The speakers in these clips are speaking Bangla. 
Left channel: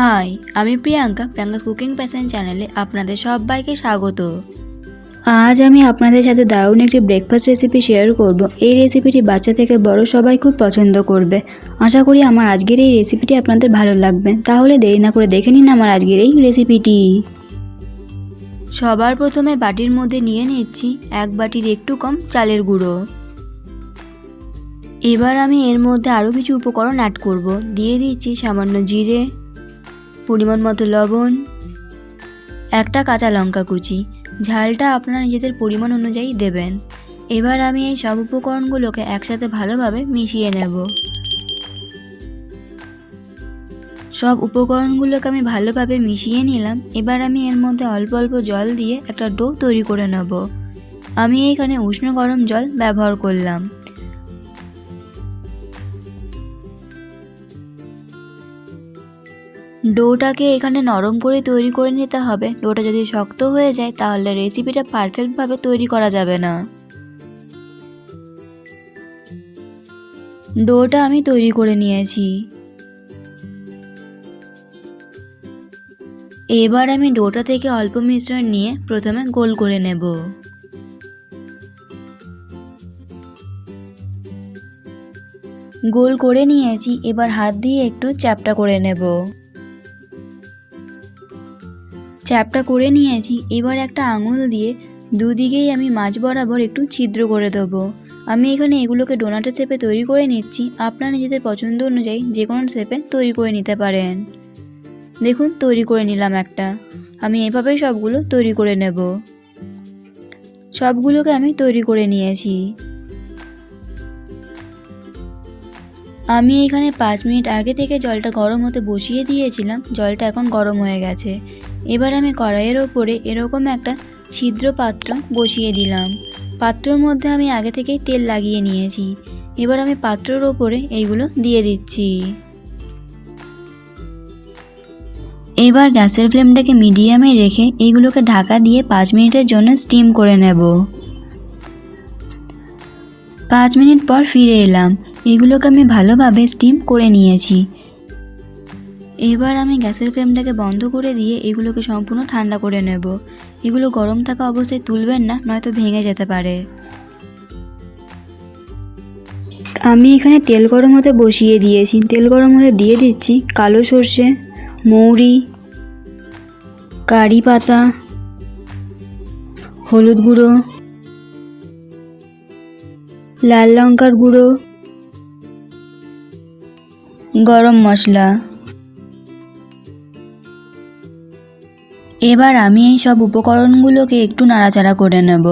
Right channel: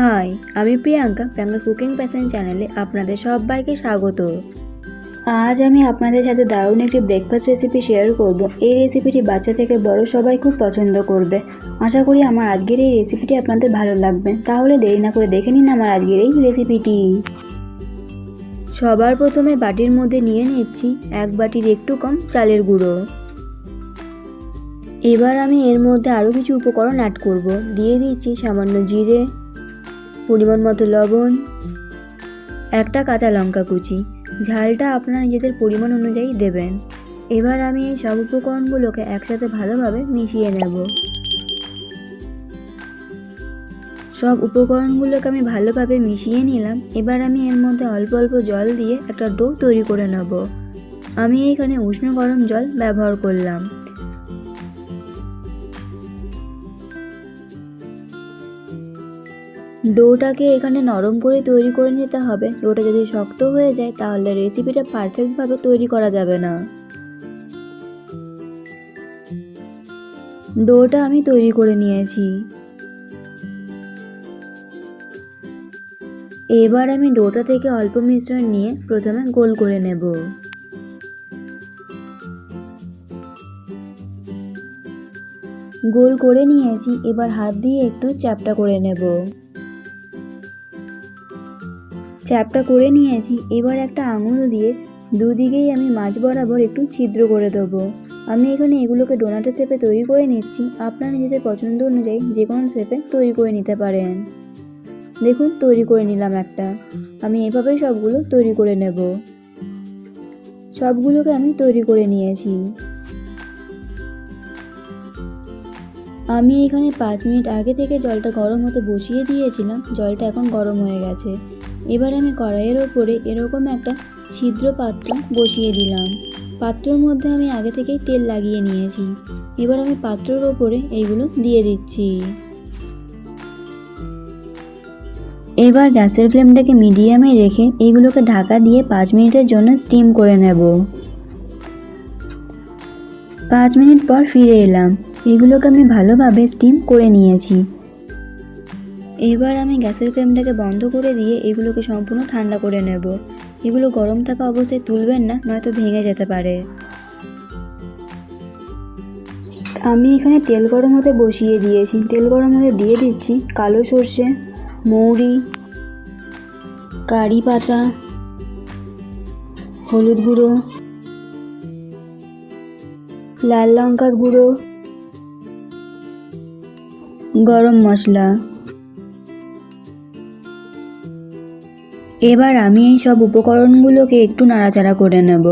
হাই আমি প্রিয়াঙ্কা প্রিয়াঙ্কা কুকিং প্যাশন চ্যানেলে আপনাদের সবাইকে স্বাগত। আজ আমি আপনাদের সাথে দারুণ একটি ব্রেকফাস্ট রেসিপি শেয়ার করব। এই রেসিপিটি বাচ্চা থেকে বড় সবাই খুব পছন্দ করবে। আশা করি আমার আজকের এই রেসিপিটি আপনাদের ভালো লাগবে। তাহলে দেরি না করে দেখে নিন আমার আজকের এই রেসিপিটি সবার প্রথমে বাটির মধ্যে নিয়ে নিচ্ছি এক বাটির একটু কম চালের গুঁড়ো। এবার আমি এর মধ্যে আরও কিছু উপকরণ অ্যাড করব। দিয়ে দিচ্ছি সামান্য জিরে পরিমাণ মতো লবণ, একটা কাঁচা লঙ্কা কুচি। ঝালটা আপনারা নিজেদের পরিমাণ অনুযায়ী দেবেন। এবার আমি এই সব উপকরণগুলোকে একসাথে ভালোভাবে মিশিয়ে নেব। সব উপকরণগুলোকে আমি ভালোভাবে মিশিয়ে নিলাম। এবার আমি এর মধ্যে অল্প অল্প জল দিয়ে একটা ডো তৈরি করে নেব। আমি এখানে উষ্ণ গরম জল ব্যবহার করলাম। ডোটাকে এখানে নরম করে তৈরি করে নিতে হবে। ডোটা যদি শক্ত হয়ে যায়, তাহলে রেসিপিটা পারফেক্টভাবে তৈরি করা যাবে না। ডোটা আমি তৈরি করে নিয়েছি। এবার আমি ডোটা থেকে অল্প মিশ্রণ নিয়ে প্রথমে গোল করে নেব। গোল করে নিয়েছি, এবার হাত দিয়ে একটু চ্যাপটা করে নেব। চ্যাপটা করে নিয়েছি, এবার একটা আঙুল দিয়ে দুদিকেই আমি মাছ বরাবর একটু ছিদ্র করে দেবো। আমি এখানে এগুলোকে ডোনাটের শেপে তৈরি করে নিচ্ছি, আপনারা নিজেদের পছন্দ অনুযায়ী যে কোনো শেপে তৈরি করে নিতে পারেন। দেখুন, তৈরি করে নিলাম একটা। আমি এভাবেই সবগুলো তৈরি করে নেব। সবগুলোকে আমি তৈরি করে নিয়েছি। আমি এখানে পাঁচ মিনিট আগে থেকে জলটা গরম হতে বসিয়ে দিয়েছিলাম, জলটা এখন গরম হয়ে গেছে। এবার আমি কড়াইয়ের ওপরে এরকম একটা ছিদ্র পাত্র বসিয়ে দিলাম। পাত্রর মধ্যে আমি আগে থেকেই তেল লাগিয়ে নিয়েছি। এবার আমি পাত্রর ওপরে এইগুলো দিয়ে দিচ্ছি। এবার গ্যাসের ফ্লেমটাকে মিডিয়ামে রেখে এইগুলোকে ঢাকা দিয়ে পাঁচ মিনিটের জন্য স্টিম করে নেব। পাঁচ মিনিট পর ফিরে এলাম। এগুলোকে আমি ভালোভাবে স্টিম করে নিয়েছি। এবার আমি গ্যাসের ফ্লেমটাকে বন্ধ করে দিয়ে এগুলোকে সম্পূর্ণ ঠান্ডা করে নেব। এগুলো গরম থাকা অবস্থায় তুলবেন না, নয়তো ভেঙে যেতে পারে। আমি এখানে তেল গরম হতে বসিয়ে দিয়েছি। তেল গরম হতে দিয়ে দিচ্ছি কালো সর্ষে, মৌরি, কারি পাতা, হলুদ গুঁড়ো, লাল লঙ্কার গুঁড়ো গরম মশলা। এবার আমি এই সব উপকরণগুলোকে একটু নাড়াচাড়া করে নেব।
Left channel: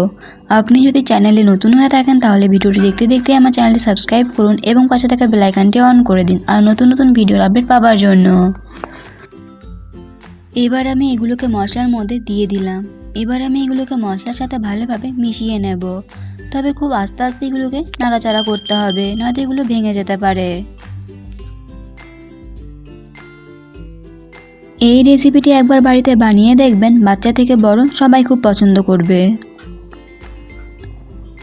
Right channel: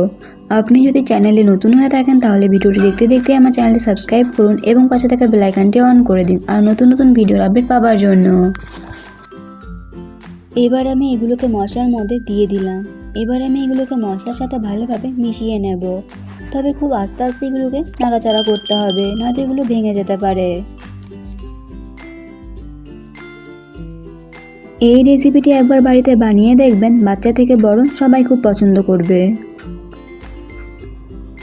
আপনি যদি চ্যানেলে নতুন হয়ে থাকেন, তাহলে ভিডিওটি দেখতে দেখতে আমার চ্যানেলটি সাবস্ক্রাইব করুন এবং পাশে থাকা বেলাইকানটি অন করে দিন আর নতুন নতুন ভিডিওর আপডেট পাওয়ার জন্য। এবার আমি এগুলোকে মশলার মধ্যে দিয়ে দিলাম। এবার আমি এগুলোকে মশলার সাথে ভালোভাবে মিশিয়ে নেব। তবে খুব আস্তে আস্তে এগুলোকে নাড়াচাড়া করতে হবে, নয়তো এগুলো ভেঙে যেতে পারে। এই রেসিপিটি একবার বাড়িতে বানিয়ে দেখবেন, বাচ্চা থেকে বড় সবাই খুব পছন্দ করবে।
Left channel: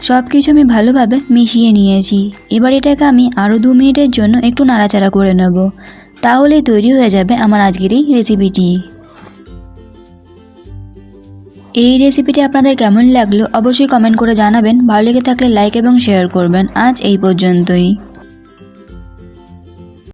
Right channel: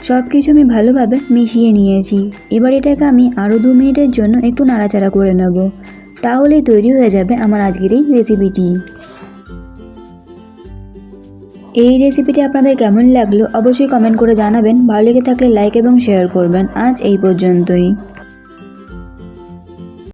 সব কিছু আমি ভালোভাবে মিশিয়ে নিয়েছি। এবার এটাকে আমি আরও দু মিনিটের জন্য একটু নাড়াচাড়া করে নেব। তাহলেই তৈরি হয়ে যাবে আমার আজকের এই রেসিপিটি এই রেসিপিটি আপনাদের কেমন লাগল অবশ্যই কমেন্ট করে জানাবেন। ভালো লেগে থাকলে লাইক এবং শেয়ার করবেন। আজ এই পর্যন্তই।